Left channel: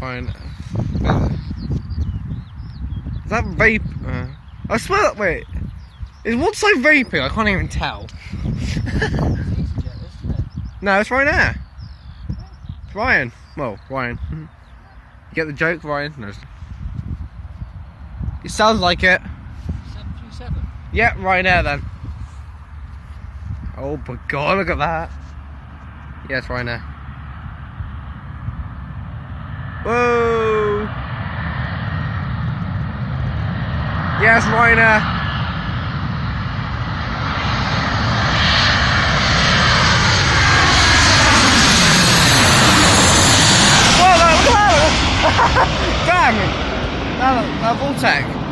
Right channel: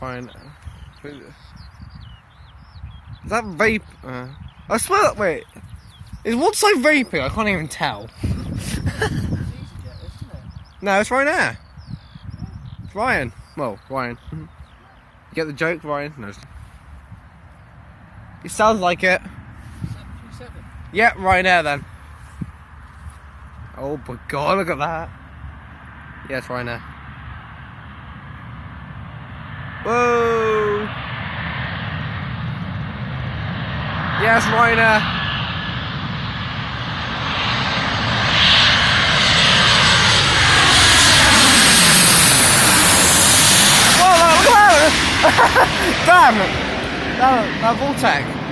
Fine. Is that vape? I smell it. Wait. Is one side vaping? I can't even tell. No, it's right there. It's Ryan. Well, Ryan. You get the joke, Ryan? No. It sounds like it. Yeah, right there then. Oh my god, look at that. Yeah, it's right there. Whoa! Yes, Ryder! Whoa, Damn! That Voltec.